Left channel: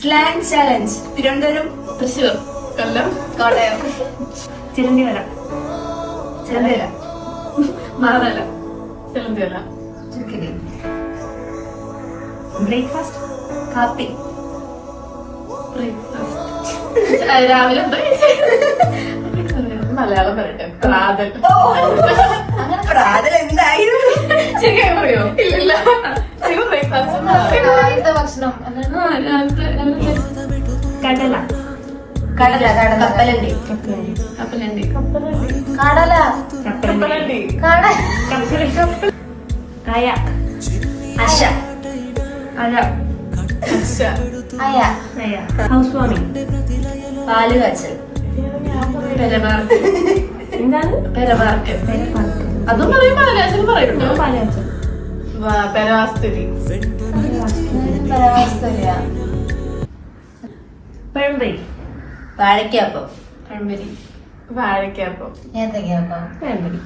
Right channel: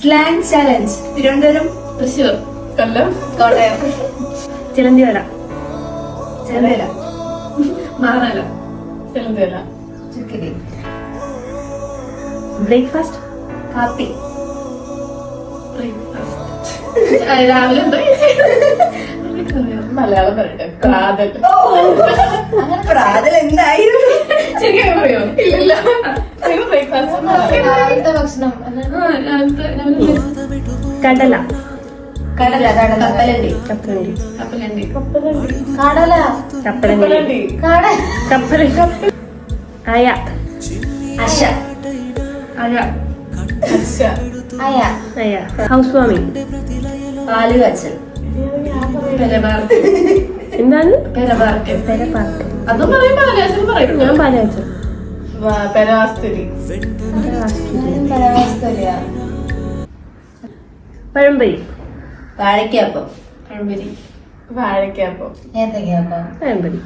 Slang challenge. Thiruvananthapuram, Thrissur, Kollam, Kottayam. ചിലന്തിവല, ചിലന്തിവല, മാറല, ചിലന്തിവല. ചുക്കിടി. ബ്രേക്ക്ഫാസ്റ്റ്, കാപ്പി. രാവിലെ മലയാളം പറയട്ടെ. പ്രാതൽ. അങ്ങനെ പ്രാതൽ എന്തായിരുന്നു? ശരിയായി പറയോ? ഇല്ലല്ല. ബ്രേക്ക്ഫാസ്റ്റ് ഭക്ഷണം. കടല, കടല, കടല, കപ്പലണ്ടി, കപ്പലണ്ടി, കപ്പലണ്ടി, കടല, കപ്പലണ്ടി, കപ്പലണ്ടി, അയ, അശ, അയ, അയ, അയ, ഹൗസ് വാമിംഗ്, പാല് കാച്ചൽ, എന്താണ് അതും പറയും. പാലാച്ചൽ പറയുന്നുണ്ടോ? പാലാച്ചൽ, പെരവാസ്തുരി, പഴംപൊരി, വാഴയ്ക്കാപ്പം, പഴംപൊരി, വാഴയ്ക്കാപ്പം, ഏത്തയ്ക്കാപ്പം, പഴംപൊരി.